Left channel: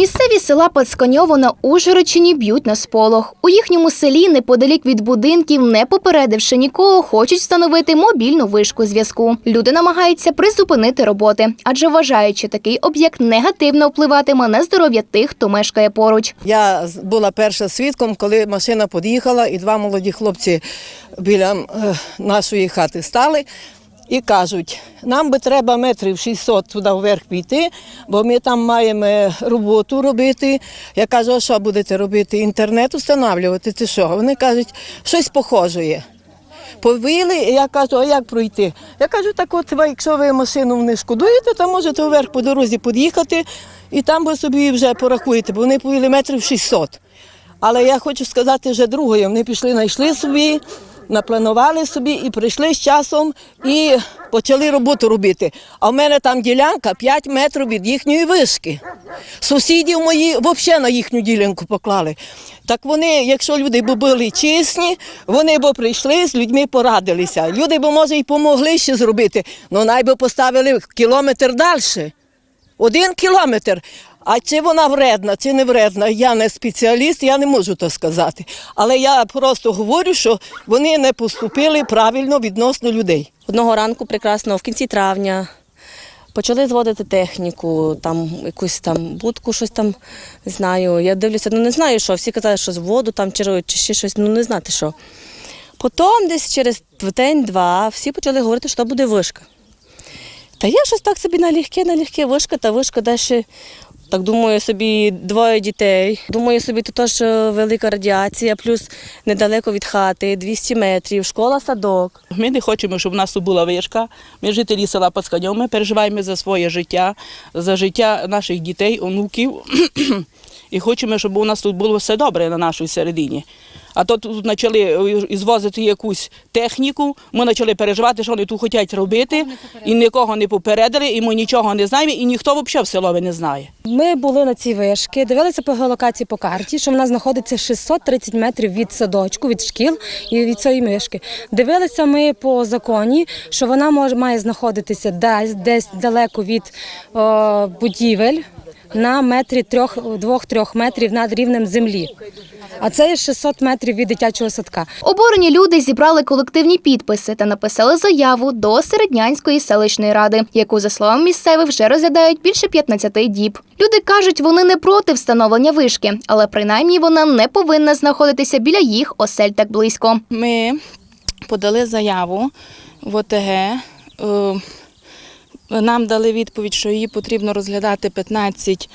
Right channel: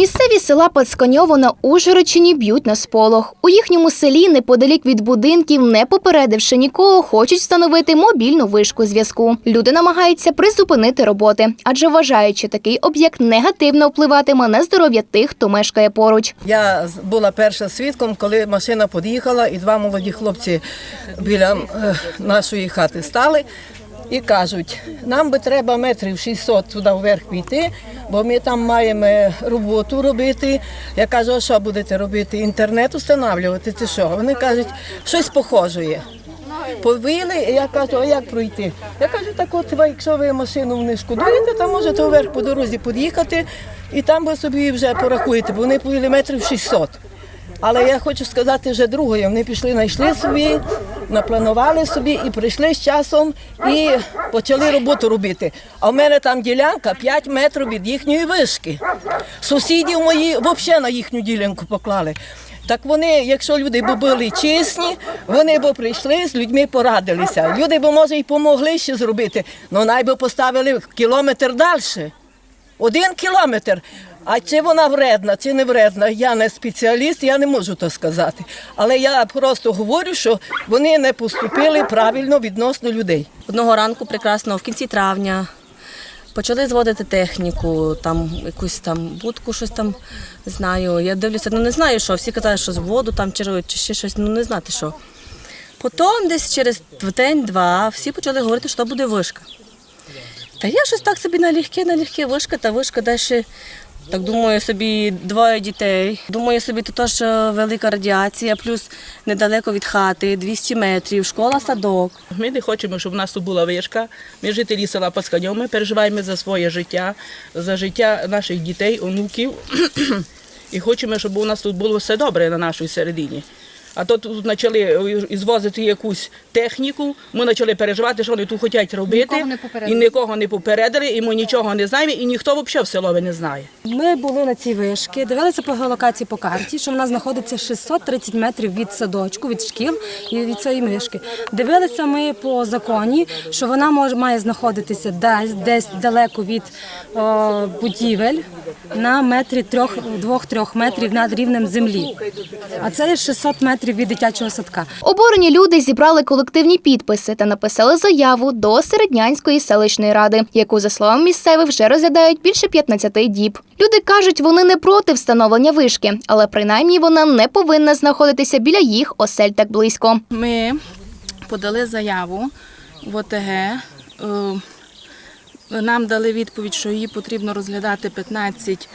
Місцеві села Пацканьово на Ужгородщині б'ють на сполох. У їхньому селі, неподалік від будинків, не попередивши нікого, хочуть встановити мобільну вишку зв'язку. Люди намагаються призупинити роботи, адже вважають, що такий об'єкт негативно впливатиме на здоров'я тих, хто мешкає поруч. Я була перша свідком, коли машина під'їхала, і два молоді хлопці біля е, нашої хати стали і кажуть, нам би треба метрів 600 туди вверх піти, бо ми там маємо роботу робити. Я кажу, а що будете робити? Інтернет встановлювати чи що? Вони кажуть, щось похоже є. Повели, і я кажу, а як пройти? Я кажу, так от якщо ви машину не шкодуєте, то можете вверх по дорозі під'їхати і там ви собі вже порахуєте, бо вони повели метрів 600. Але я хочу сказати вже другою. Вони пішли, знайшли собі, напланували собі і прийшли з часом і почали роботу робити. А в мене там ділянка 5 метрів від їхньої вишки. Сусідів мої взагалі на їхню ділянку поклали. Так вони, якщо люди б були чесні, вони б прийшли з людьми порадилися. Люди б, може, і помогли ще зробити, але най би поставили кілометр далі. Один кілометр. А чи вона вредна, чи не вредна, я не спеціаліст, я не можу то сказати. Але я просто говорю, що вони не поступили правильно відносно людей. Одного ранку прекрасно, в кінці травня, почали зводити техніку, там якусь там будку, щось там знаю. Я дивлюся, ну не знаю, що. Всі казали, що з воду там чи, ще щось, ну не знати що. Потім десь через день-два всі почали говорити, що буде вишка. Та я щось так собі налегке, налегке вишка, та вишка далі. Так думаю собі двоє дітей. Думаю собі, то теж е, велика радіація, плюс недалеко від хати, 200 метрів, школа, садок. Ми не хочемо, щоб у нас була вишка. Ми жителі села Пасканьов, ми переживаємо за своє життя, за життя наших дітей, онуків. І хочемо, щоб у нас тут було все добре на нашій середині. А то тут почали ізвозити якусь техніку, ми почали переживати, що вони тут хочуть робити, і нікого не попередили, і ми нічого не знаємо, і ніхто взагалі в селові не знає. Ми були на цій вишки, дивилися по геолокації по карті, що вона знаходиться 630 метрів від садочку, від шкіл і від цієї мишки. Дивилися ми по законі, що вона може має знаходитися десь, десь далеко від о, будівель на метрі трьох двох-трьох метрів над рівнем землі. А це є 600 метрів від дитячого садка. Обурені люди зібрали колективні підписи та написали заяву до Середнянської селищної ради, яку, за словами місцевих, вже розглядають більше 15 діб. Люди кажуть, вони не проти встановлення вишки, але принаймні вона не повинна знаходитися біля їх осель так близько. Ми подали заяву в ОТГ. Нам дали відповідь, що її потрібно розглядати 15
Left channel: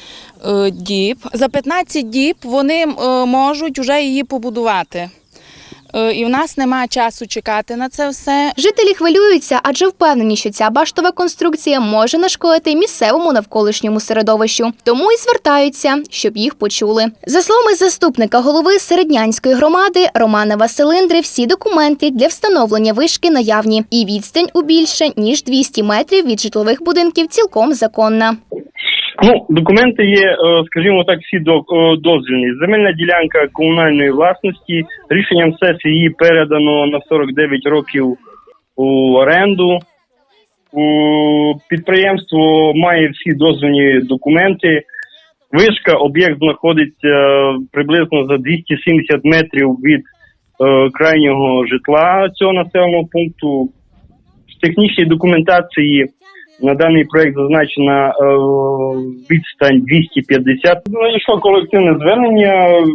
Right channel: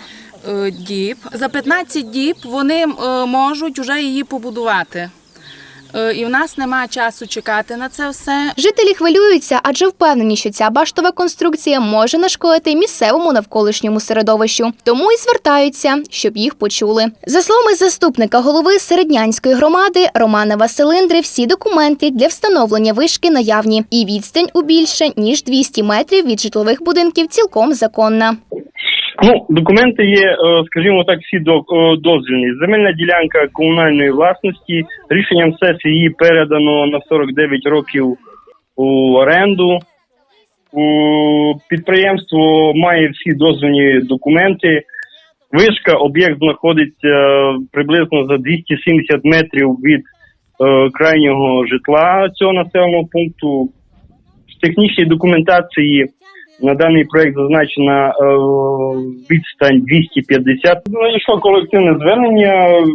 е, діб. За 15 діб вони е, можуть вже її побудувати. Е, І в нас немає часу чекати на це все. Жителі хвилюються, адже впевнені, що ця баштова конструкція може нашкодити місцевому навколишньому середовищу. Тому і звертаються, щоб їх почули. За словами заступника голови середнянської громади Романа Василиндри, всі документи для встановлення вишки наявні, і відстань у більше ніж 200 метрів від житлових будинків цілком законна. Ну, документи є, е, скажімо так, всі е, дозвільні. Земельна ділянка комунальної власності. Рішенням сесії її передано на 49 років у оренду. Підприємство має всі дозвільні документи. Вишка, об'єкт знаходиться е, приблизно за 270 метрів від крайнього житла цього населеного пункту. В технічній документації на даний проект зазначена е, відстань 250. Знайшло колективне звернення.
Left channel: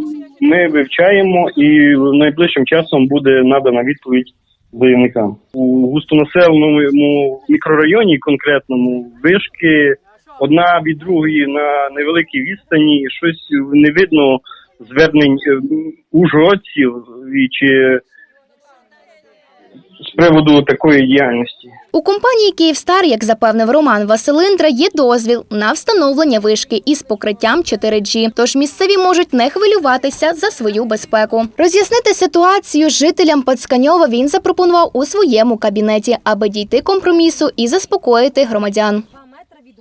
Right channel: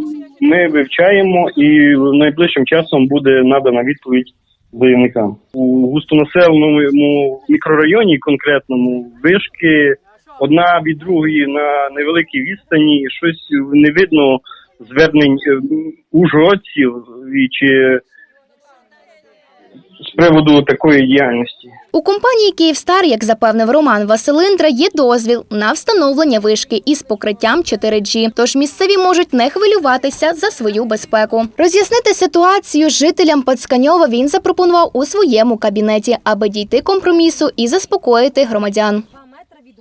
Ми вивчаємо і найближчим часом буде надана відповідь заявникам. У густонаселеному мікрорайоні конкретному вишки одна від другої на невеликій відстані. Щось не видно звернень е, ужгородців чи з приводу такої діяльності. У компанії Київстар, як запевнив Роман Василиндра, є дозвіл на встановлення вишки із покриттям 4G, Тож місцеві можуть не хвилюватися за свою безпеку. Роз'яснити ситуацію жителям Пацканьова він запропонував у своєму кабінеті, аби дійти компромісу і заспокоїти громадян.